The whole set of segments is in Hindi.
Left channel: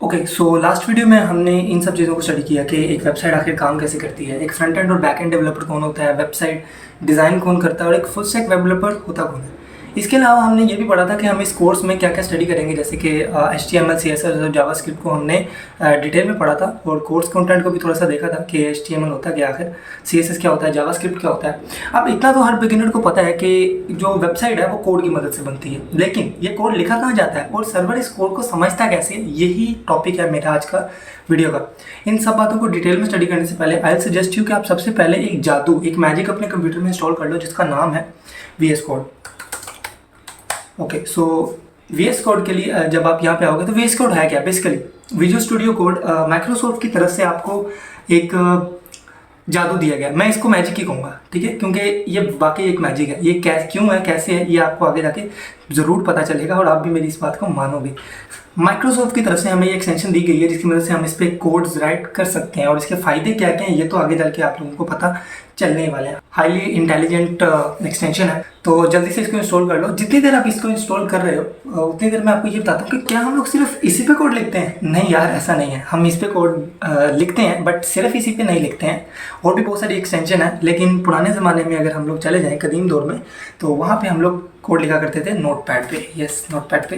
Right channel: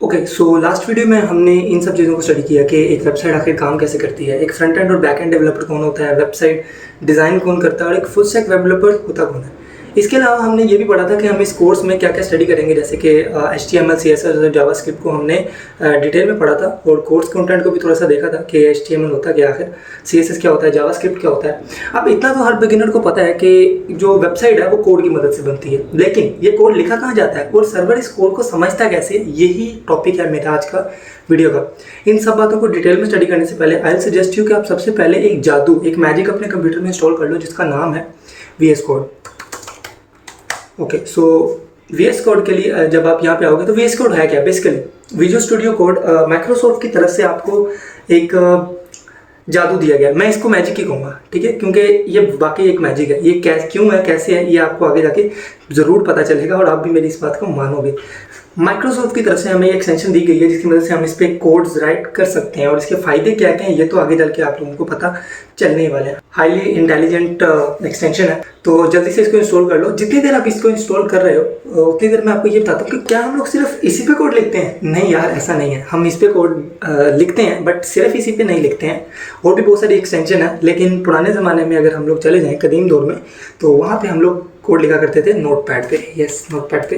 ओके, सो लास्ट वीडियो में हमने इन सब चीज़ों को स्टडी किया कि एक वेबसाइट आखिर काम कैसे करती है, एक फ्रंट एंड और बैक एंड डेवलपर कौन होता है, वेबसाइट डिज़ाइन कौन करता है और एक फुल स्टैक डेवलपर होता कौन है। इसके अलावा हमने ये भी पढ़ा था कि हम इस कोर्स में क्या क्या स्टडी करेंगे, जैसे कि HTML, CSS और जावास्क्रिप्ट को हमने डिटेल में पढ़ा था और कोर्स कंटेंट को भी थोड़ा सा देखा था कि HTML होता क्या आखिर, CSS क्या होता है, जावास्क्रिप्ट क्या होता है। अब इतना तो हर बिगिनर को पता है कि जो वेबसाइट है वो कोड की मदद से बनती है, लेकिन ये कोड लिखा कहाँ जाता है और सर्वर इस कोड को समझता है कैसे, यही टॉपिक है मेरा आज का वीडियो का। इन सब बातों को डिटेल में स्टडी करने से पहले आई सजेस्ट यू कि आप सबसे पहले एक जादू, एक मैजिक अपने कंप्यूटर में इंस्टॉल कर लो जिसका नाम है VS कोड। ओके, सो VS कोड के लिए जब आप यहाँ पे आओगे तो VS कोड है क्या? Basically visual studio code Microsoft की तरफ से आपको एक जादू दिया गया। मैं इसको मैजिक ही कहूँगा, ठीक है, क्योंकि ये वाकई एक मैजिक है। ये क्यों है, कैसे है, ये आपको आगे जाके ज़रूर पता चलेगा और आप भी मेरी इस बात को मानोगे। माइक्रोसॉफ्ट की तरफ से हमें ये एक्सटेंशन दी गई है जिसकी मदद से हम इस पर कोड्स राइट कर सकते हैं और इसके फ़ायदे क्या क्या हैं ये तो आगे चल के आप लोगों को पता चलने वाले हैं। हाईली इंटेलिजेंट एक्सटेंशन है, तो जल्दी से इसको इंस्टॉल कर लो। जितनी देर आप इसको इंस्टॉल कर रहे हो उतनी देर मैं आपको ये बताता हूँ कि क्या हम लोग सिर्फ इसी पे कोड लिखते हैं? नहीं यार, ऐसा नहीं है। हम इस पे कोड लिखते हैं, बट सिर्फ इसी पे नहीं लिखते हैं। और भी बहुत सारी एक्सटेंशन है, लेकिन पुराने ज़माने में अगर हम लोग चले जाएँ कदीम दौर में, तो वहाँ पर हम लोग कोड लिखा करते थे नोटपैड पे। यस, नोटपैड पे।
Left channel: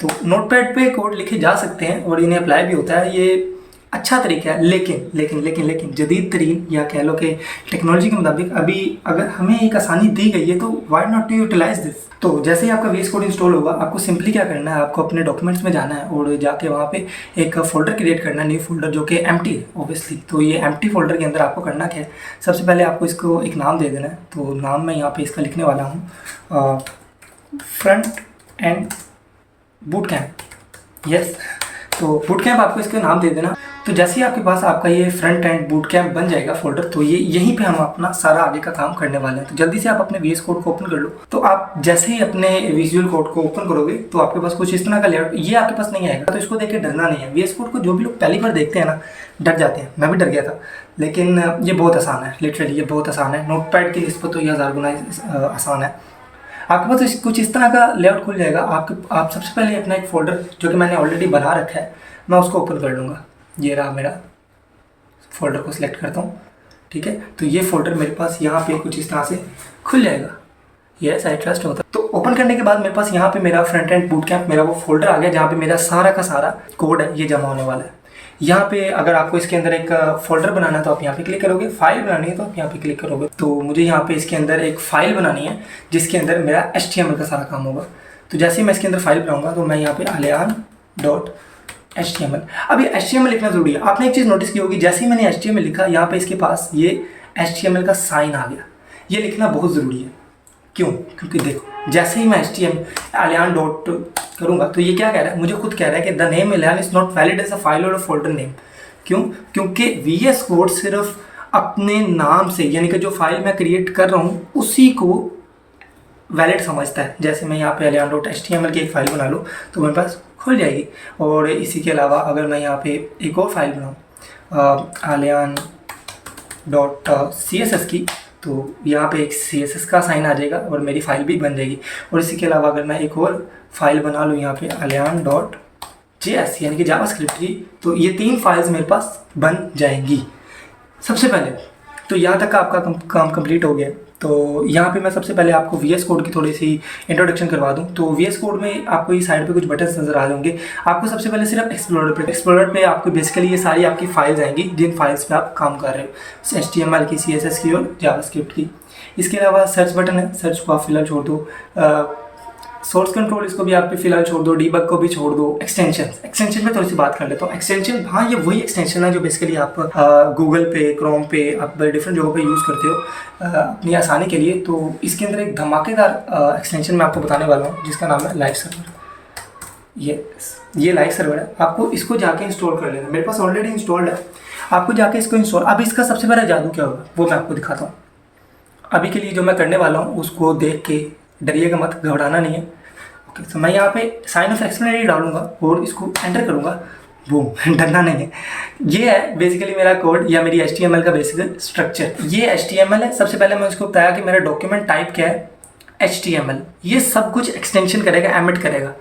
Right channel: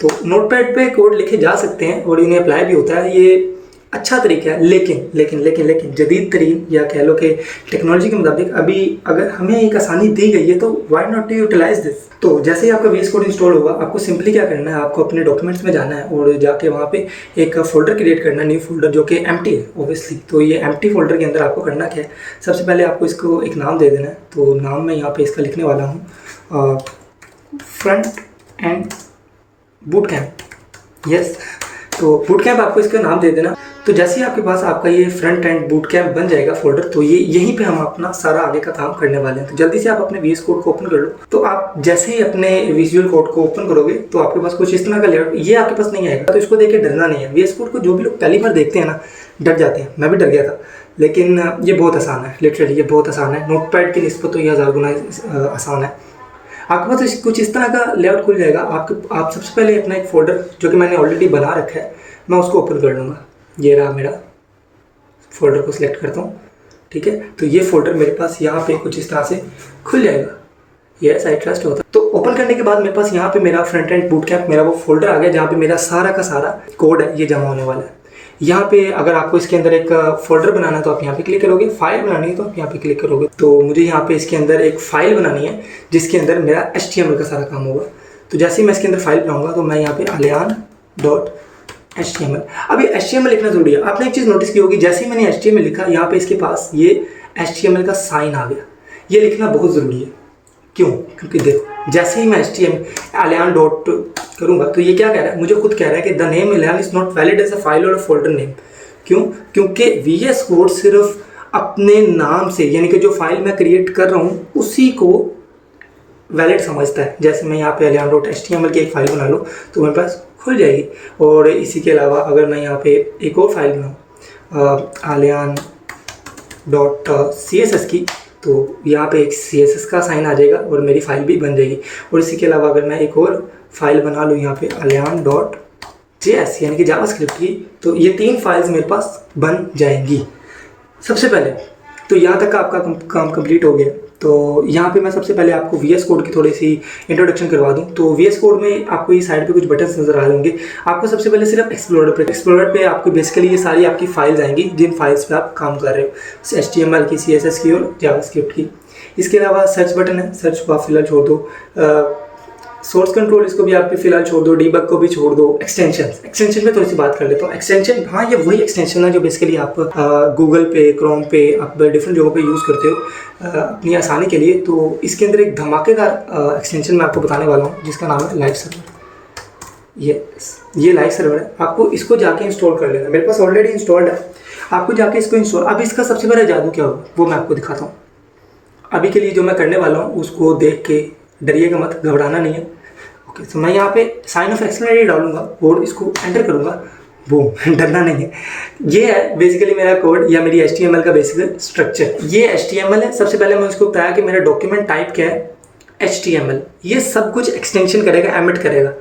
तो नोटपैड पे कोड लिखे जा सकते हैं और इन्हें अप्लाई भी होता है। ये अच्छा तरीका है, लेकिन जदीद तरीन या कह लो कि टेक्नोलॉजी के मुताबिक अभी अगर हमें एक आसानी दी गई है तो why not to utilize this. तो जैसे ही आपका VS कोड इंस्टॉल होगा, आपको सिंपली क्या करना है, आपको अपने डॉक्यूमेंट्स में जाना है और जाके वहाँ पे एक फोल्डर क्रिएट करना है, न्यू फोल्डर जो कि एम्प्टी है ऑब्वियसली। तो ये एम्प्टी फोल्डर के अंदर आपको करना क्या है, सबसे पहले आपको इसको एक नाम दे देना है। तो नाम मैं यहाँ पर इसका लिखने वाला हूँ front end boot camp. Yes, तो बूट कैम्प आपको इसका नाम दे देना। तो जैसे ही आपके पास आपका ये फ्रंट एंड बूट कैम्प बन जाएगा फोल्डर, तो ये यहीं पे हम अपना सारा आगे का काम करने वाले हैं। तो जल्दी से आप अपने VS कोड को ओपन कर लो। तो आप जैसे ही अपने विजुअल कोड को ओपन करोगे तो आपके पास कुछ इस तरह का लेआउट ये आपके पास नहीं आएगा। तो इसको देख के डरना नहीं है। VS कोड को जो भी लोग पहली बार देखते हैं ना, डर जाते हैं। मैं भी डर गया था, लेकिन ये बहुत आसान है। लिटरली ये बहुत आसान है। नोटपैड की निस्बत तो ये 1000 गुना आसान है। आपके पास कुछ इस तरह का लेआउट खुल जाएगा। आप सबसे पहले अपना एक फोल्डर जो कि मैंने ऑलरेडी बना रखा है, मैं उसको ओपन कर लूँगा। ये रहा मेरा फोल्डर, को सिलेक्ट करता हूँ, ठीक है। तो ये फोल्डर मेरे पास यहाँ पे कुछ इस तरह से खुल जाएगा। यस, आई ट्रस्ट होता है। तो ओपन करने के बाद मेरे पास यहाँ पे मेरा फ्रंट एंड बूट कैम्प, मेरा वो फोल्डर आ गया जहाँ पे मेरा सारा का सारा कोड है ये जमा होने वाला है। यहाँ पे अगर आपको इसके अंदर एक फोल्डर बनाना है तो आप यहाँ पे क्लिक करोगे, फाइल बनानी है तो आप यहाँ पे क्लिक करोगे। तो मुझे यहाँ पे इसके अंदर एक फाइल बनानी है जिसके अंदर मेरा HTML का सारा काम होगा। तो जैसे ही मैं इसके अंदर फाइल बनाऊंगा तो मैं यहाँ पे alian.html। अब ये HTML लिखना जरूरी है। आपने एक चीज़ नोटिस की होगी, जैसे ही मैंने HTML लिखा यहाँ पे इसके पास ये HTML का साइन आ गया। ये लिखना बहुत ज़रूरी है। क्यों? क्योंकि देखो, जैसे ही मैं alian डॉट करूँगा तो ये क्या कह रहा है, मुझे खुद कह रहा है कि the name alian is not valid as a file और अ फोल्डर नेम। क्यों? क्योंकि VS कोड सिर्फ अपने नाम से, यानी कि जो फाइल मैं क्रिएट कर रहा हूँ उसी को वैलिड समझता है। जैसे मैं यहाँ पे alian.html की एक फ़ाइल बना लूँ तो मेरे पास खुल जाएगी। और इसी के अलावा अगर मैं यहाँ पे एक और फाइल बनाऊँ alian.css की, तो यहाँ पे एक CSS का साइन आ जाएगा और मेरी फाइल भी बन जाएगी। और इसी के अलावा अगर मैं एक और फाइल बना लूँ यहाँ पे alian.js यानी कि जावास्क्रिप्ट की, तो ये 3 फाइल्स मेरे पास बन जाएंगी। सबसे पहले तो यहाँ तक का आपका काम कंप्लीट हो गया। तो यहाँ पे मैं सबसे पहले आपको VS कोड की थोड़ी सी इंट्रोडक्शन करवा दूँ। तो VS कोड में आपको ये साइड पे कुछ बटन्स नज़र आ होंगे। आपको सबसे पहले सिर्फ एक्सप्लोरर पे आपको बेसिकली ये सारी आपकी फाइल्स आएंगी जिन फाइल्स पे आप काम कर रहे हो, HTML की, CSS की और जावास्क्रिप्ट की। इसके अलावा सर्च बटन है, सर्च को आप फिलहाल छोड़ दो। सोर्स कंट्रोल इसको भी आप फिलहाल छोड़ दो, डीबग को भी छोड़ दो। एक्सटेंशन में थोड़ी सी बात कर लेते हो। एक्सटेंशन, हाँ, ये वही एक्सटेंशन है जो बेसिकली आप गूगल पे, क्रोम पे, आप डिफरेंट जगहों पे यूज़ करते हो अपनी आसानी के लिए। तो इसके अंदर एक धमाकेदार एक्सटेंशन मैं आपको बताने वाला हूँ जिसका नाम है लाइव सर्वर। ये लाइव सर्वर है। आपको इसको जाके इंस्टॉल कर लेना। मेरे पास ऑलरेडी इंस्टॉल्ड है, आपको जाके इसको इंस्टॉल। अब इसका सबसे बड़ा जादू क्या होगा वो मैं आपको दिखाता हूँ। अभी के लिए जो मैं करने वाला हूँ उसको देख के डरिएगा मत, घबराना नहीं है। ओके, तो मैं यहाँ पे साइन ऑफ एक्सप्लेनेटरी डालूंगा और इसको एंटर करूँगा। वो डरना नहीं है। ये है बेसिकली मेरा कोड या मेरी HTML का बेसिक स्ट्रक्चर। ये HTML है। सबसे पहले मैं उसको बताया कि मेरा डॉक्यूमेंट टाइप क्या है, HTML। ये सब कुछ एक्सटेंशन करेगा, एमिट करेगा।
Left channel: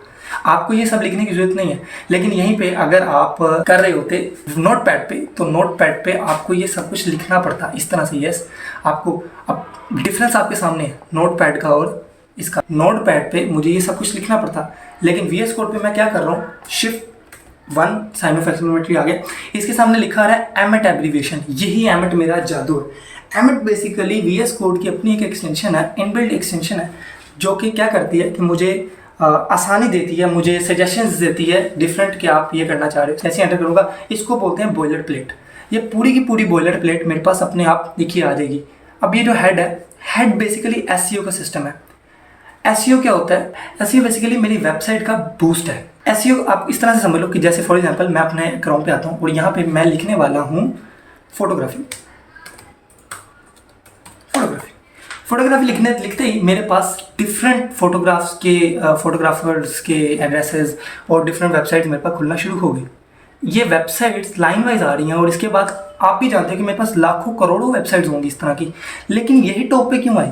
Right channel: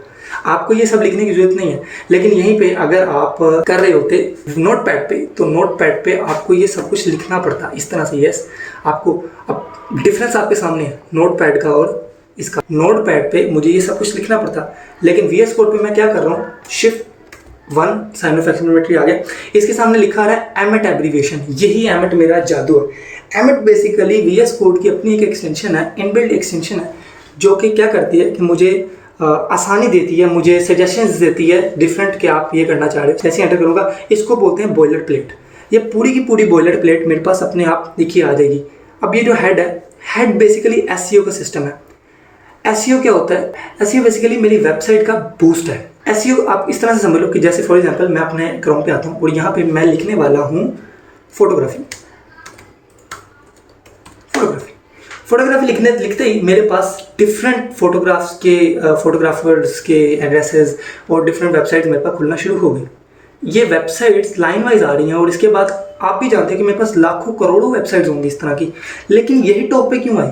आपको ये सब लिखने की जरूरत नहीं है। लेकिन यहीं पे अगर आप कर रहे होते नोटपैड पे, तो नोटपैड पे आपको ये सब कुछ लिखना पड़ता इस तरह से। यस, आपको अब डिफरेंस आपके सामने है नोटपैड का और इसका। नोटपैड पे मुझे ये सब कुछ लिखना पड़ता, लेकिन VS कोड पे मैं क्या कर रहा हूँ, Shift 1 साइन ऑफ एक्सक्लेमेटरी आ गया, इसके सामने लिखा रहा है एमिट एब्रीविएशन। यही एमिट मेरा जादू है। एमिट बेसिकली VS कोड की अपनी एक एक्सटेंशन है, इनबिल्ट एक्सटेंशन है, जो कि क्या करती है कि मुझे आसानी देती है, मुझे सजेशंस देती है डिफरेंट कि आप ये करना चाह रहे हो। जैसे एंटर करूँगा, इसको बोलते हैं बॉयलर प्लेट। ये पूरी की पूरी बॉयलर प्लेट मेरे पास अपने आप लिखी आ जाएगी। अब ये जो हेड है, हेड बेसिकली SEO का सिस्टम है। SEO क्या होता है? SEO बेसिकली मेरी वेबसाइट का बूस्ट है। SEO आप इस तरह से समझ लो कि जैसे फॉर एग्जांपल मैं अपने क्रोम पे आता हूँ और यहाँ पे मैं लिखने वाला हूँ फोटोग्राफी। फोटोग्राफी लिखते ही मेरे पास डिफरेंट फोटोग्राफर्स के एड्रेसेस और डिफरेंट वेबसाइट्स मेरे पास खुलना शुरू हो गई। ये वेबसाइट्स लाइन वाइज आ रही हैं और इसके बाद आप भी जानते हैं कि मेरे पास लाखों करोड़ों वेबसाइट्स होंगी इस तरह की। लेकिन यही टॉप पे क्यों आई?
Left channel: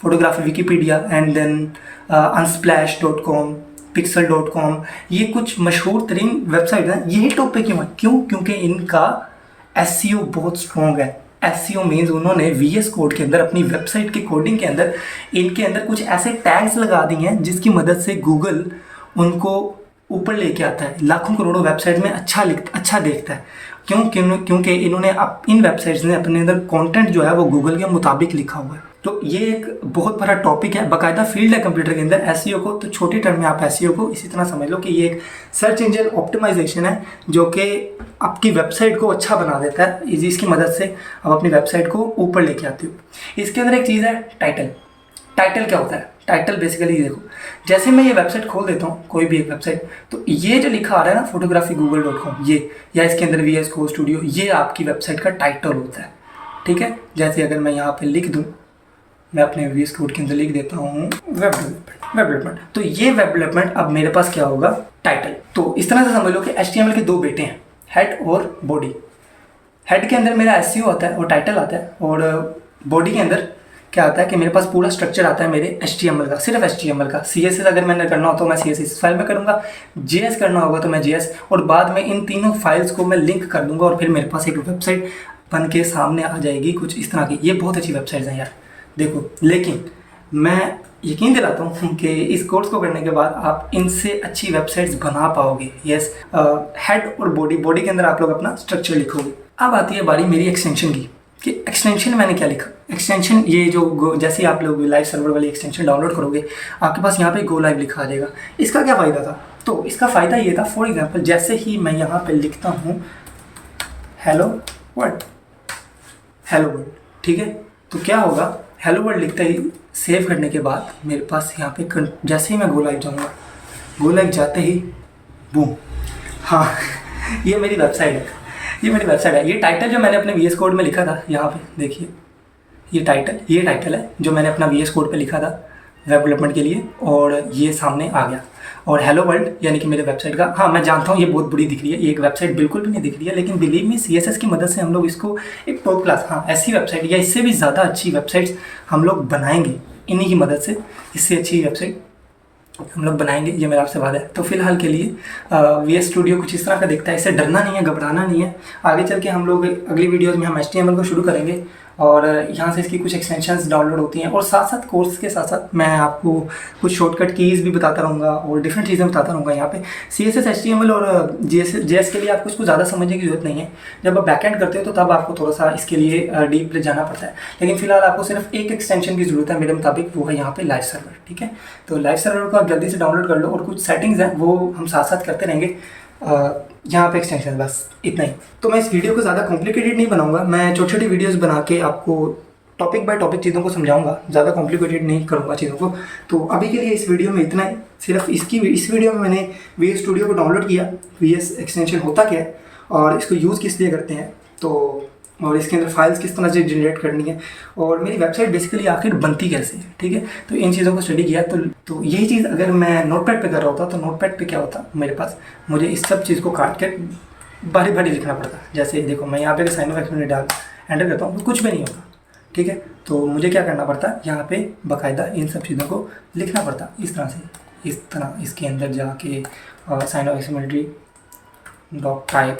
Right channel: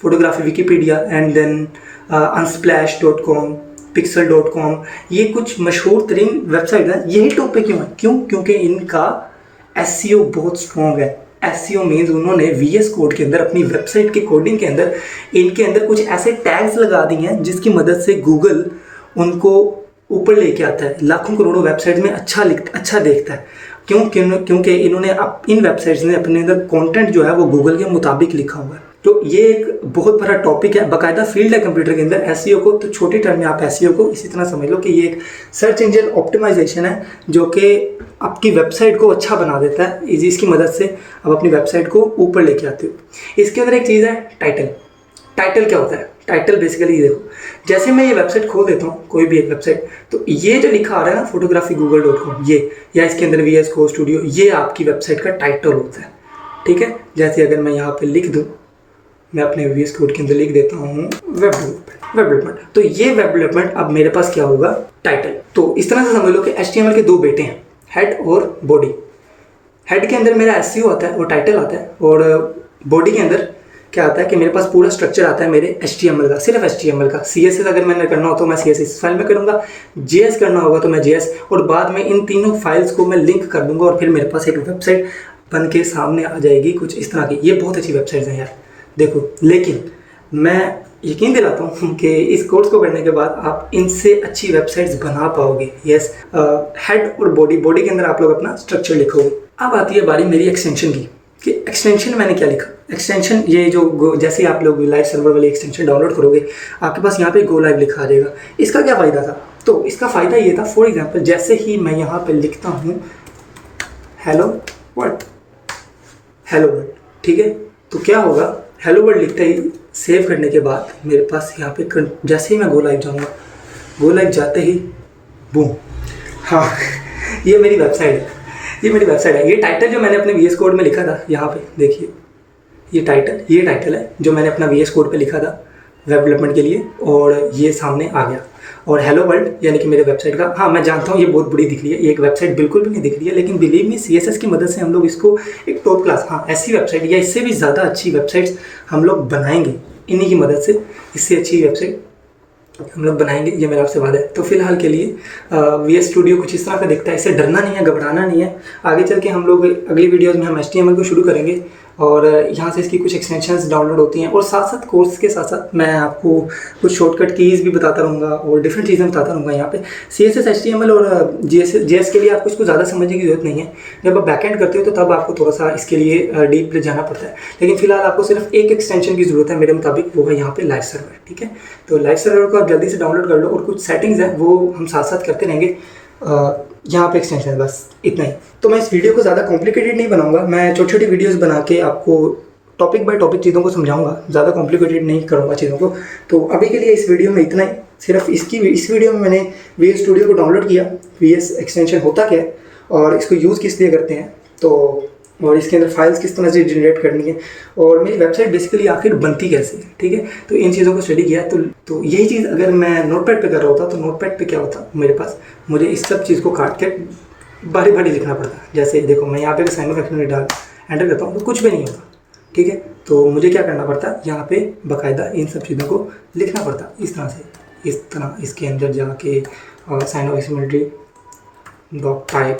Photography Wikipedia and then unsplash.com, pixel.com, ये कुछ मशहूर तरीन वेबसाइट हैं। यही टॉप पे क्यों है? क्यों? क्योंकि इनका SEO बहुत स्ट्रॉन्ग है। SEO मीन्स उन्होंने VS कोड के अंदर, अपनी वेबसाइट के कोडिंग के अंदर, इनके अंदर कुछ ऐसे टैग्स लगा दिए हैं जिसकी मदद से गूगल उनको ऊपर लेके आता है, लाखों करोड़ों वेबसाइट में अच्छा देखता है। क्योंकि इन्होंने इन वेबसाइट्स ने अपने अंदर कंटेंट जो है वो गूगल के मुताबिक लिखा हुआ है। तो ये एक बहुत बड़ा टॉपिक है, बाकायदा फील्ड है कंप्यूटर के अंदर SEO को। तो छोटी टर्म में आप SEO को इसी तरह समझ लो कि ये एक सर्च इंजन ऑप्टिमाइजेशन है जो कि आपकी वेबसाइट को अच्छा बना देता है। इसकी मदद से आप अपनी वेबसाइट को ऊपर लेके आते हो। इसके अंदर एक चीज़ है टाइटल। टाइटल क्या होता है? टाइटल बेसिकली देखो, जैसे मैं ये वेबसाइट खोल देता हूँ, कोई भी एक वेबसाइट, तो ये जो लिखा आ रहा है ना photography.google.com, ये या इसके अंदर VS कोड स्टूडियो, ये आपकी वेबसाइट का टाइटल होता है। ठीक है, जैसे अगर मैं यहाँ पे लिख दूँ, मैं अपने VS कोड के अंदर लिख देता हूँ वेब डेवलपमेंट, तो ये वेब डेवलपमेंट अब मेरे पास क्या होगा? टाइटल। तो इस तरह से समझ लो कि HTML के दो बेटे हैं, हेड और बॉडी। हेड के अंदर मेरा SEO आता है और टाइटल आता है, और बॉडी के अंदर क्या आता है कि मेरे पास पूरा स्ट्रक्चर आता है मेरे HTML का, सिर्फ HTML का। CSS अगर मैंने करना हो तो मैं CSS फाइल में करूँगा, JS करना होगा तो मैं JS, और बाद में इन तीनों फाइल्स को मैं लिंक कर दूँगा और फिर मेरे पास एक वेबसाइट बन के सामने आ जाएगी कुछ इस तरह की। ये बहुत अच्छी वेबसाइट्स हैं यार, देखो। लेकिन मैं यकीन दिलाता हूँ कि इस कोर्स को करने के बाद आप इनसे अच्छी वेबसाइट्स बना पाओगे। यस, हेड और बॉडी के अंदर आप लोग अपना स्ट्रक्चर लिखोगे। अब आती है बारी मेरी एक्सटेंशन की, कि एक्सटेंशन मैंने क्या लिखा। एक्सटेंशन ये जो जैसे आप लोग लाइव सर्वर वाली एक्सटेंशन डाउनलोड करोगे, आपके पास यहाँ पे गो लाइव लिखा आ जाएगा। इसका क्या फ़ायदा था? तो इसका फ़ायदा ये था, फॉर एग्जांपल जैसे ही मैं यहाँ पे लिखता हूँ हेलो वर्ल्ड, ठीक है, तो क्या होगा? हेलो वर्ल्ड लिखते ही सेव करने के बाद मेरे पास यहाँ पे जैसे ही मैं गो लाइव जाऊँगा, गो लाइव जाते ही बूम, हाँ ये मेरी वेबसाइट है। ये टाइटल जो मैंने अपने VS कोड में लिखा था, यहाँ पे देखिए, ये टाइटल है जो मैंने अपना VS कोड पे लिखा था वेब डेवलपमेंट के लिए, और ये सामने आ गया। और हेलो वर्ल्ड यानी कि मेरे वेबसाइट का, हाँ मैं जानता हूँ ये बहुत बड़ी दिख रही है, ये एक वेबसाइट बिल्कुल भी नहीं दिख रही है, लेकिन बिलीव मी CSS की मदद से हम लोग इसको एक टॉप क्लास, हाँ ऐसी वेबसाइट या इससे भी ज़्यादा अच्छी वेबसाइट्स हम लोग बनाएंगे इन्हीं की मदद से। इससे अच्छी वेबसाइट हम लोग बनाएंगे, ये मेरा आपसे वादा है। तो फिलहाल के लिए VS स्टूडियो कुछ इस तरह का दिखता है, इससे डरना नहीं है, घबराना नहीं है। आगे चल के हम लोग अगली वीडियोज़ में हम HTML को शुरू करेंगे और यहाँ से इसकी कुछ एक्सटेंशंस डाउनलोड होती हैं, और साथ साथ कोर्स के साथ साथ मैं आपको कुछ शॉर्टकट कीज़ भी बताता रहूँगा और डिफरेंट चीज़ें बताता रहूँगा। यहाँ पे CSS HTML और JS के लिए आपको इसको ज़्यादा समझने की ज़रूरत नहीं है। जब आप बैकएंड करते हो तो तब आपको थोड़ा सा इसके लिए डीप जाना पड़ता है, लेकिन फिलहाल आपको सिर्फ एक एक्सटेंशन की ज़रूरत है मेरे मुताबिक, वो है यहाँ पे लाइव सर्वर। ठीक है, तो लाइव सर्वर को आप जल्दी से डाउनलोड कर लो, और कुछ सेटिंग्स हैं वो हम साथ साथ करते रहेंगे। यहाँ पे एक्सटेंशन, बस इतना ही। तो मैं इस वीडियो को ज़्यादा कॉम्प्लिकेटेड नहीं बनाऊंगा, मैं छोटी छोटी वीडियोस बना के आपको टॉपिक बाय टॉपिक चीज़ों को समझाऊंगा, ज़्यादा कॉम्प्लिकेटेड नहीं करूँगा चीज़ों को। तो अभी के लिए इस वीडियो में इतना ही। सिर्फ इस वीडियो में मैंने VS स्टूडियो को डाउनलोड किया, VS एक्सटेंशन होता क्या है और इसको यूज़ किस लिए करते हैं, तो और इसके अंदर फाइल्स किस तरह से जनरेट करनी है, और मेरी वेबसाइट बेसिकली आखिर बनती कैसे है। ठीक है, तो इन चीज़ों को स्टडी किया। तो यही चीज़ अगर मैं नोटपैड पे कर रहा होता तो नोटपैड पे क्या होता मेरे पास, मुझे इस सब चीज़ को काट के बारी बारी लिखना पड़ता। जैसे देखो मैं यहाँ पे साइन ऑफ एक्सक्लेमेटरी डाल एंटर करता हूँ तो कुछ भी नहीं होता। ठीक है, तो मुझे क्या करना पड़ता, यहाँ पे बाकायदा इन सब चीज़ों को लिखना पड़ता इस तरह से। इस तरह इसके अंदर जाके साइन ऑफ एक्समिलिटी डॉक टाइप,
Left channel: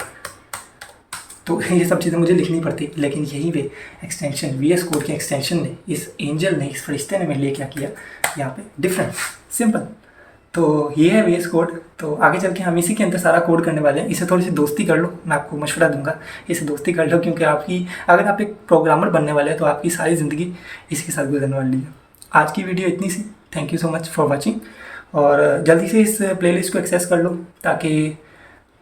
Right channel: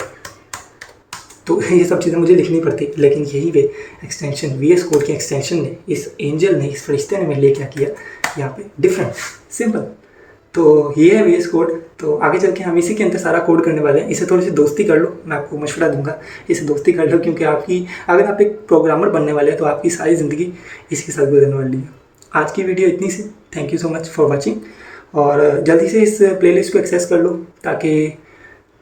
तो ये सब चीज़ें मुझे लिखनी पड़ती, लेकिन यही वे एक्सटेंशन VS कोड के एक्सटेंशन ने, इस एंजल ने, इस फरिश्ते ने मेरे लिए क्या किया यहाँ पे, डिफरेंट, सिंपल। तो ये है VS कोड। तो आगे चल के हम इसी के अंदर सारा कोड करने वाले हैं। इसे थोड़ी सी दोस्ती कर लो, मैं आपको मशवरा दूंगा, इसे दोस्ती कर लो, क्योंकि आपकी, अगर आप एक प्रोग्रामर बनने वाले हैं तो आपकी सारी ज़िंदगी इसके साथ गुजरने वाली है। आज की वीडियो इतनी सी, thank you so much for watching, और जल्दी से इस प्लेलिस्ट को एक्सेस कर लो ताकि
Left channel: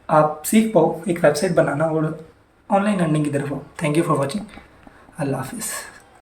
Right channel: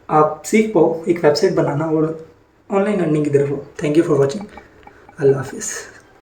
आप सीख पाओ एक वेबसाइट बनाना और ऑनलाइन अर्निंग की तरफ हो। थैंक यू फॉर वॉचिंग, अल्लाह हाफिज़।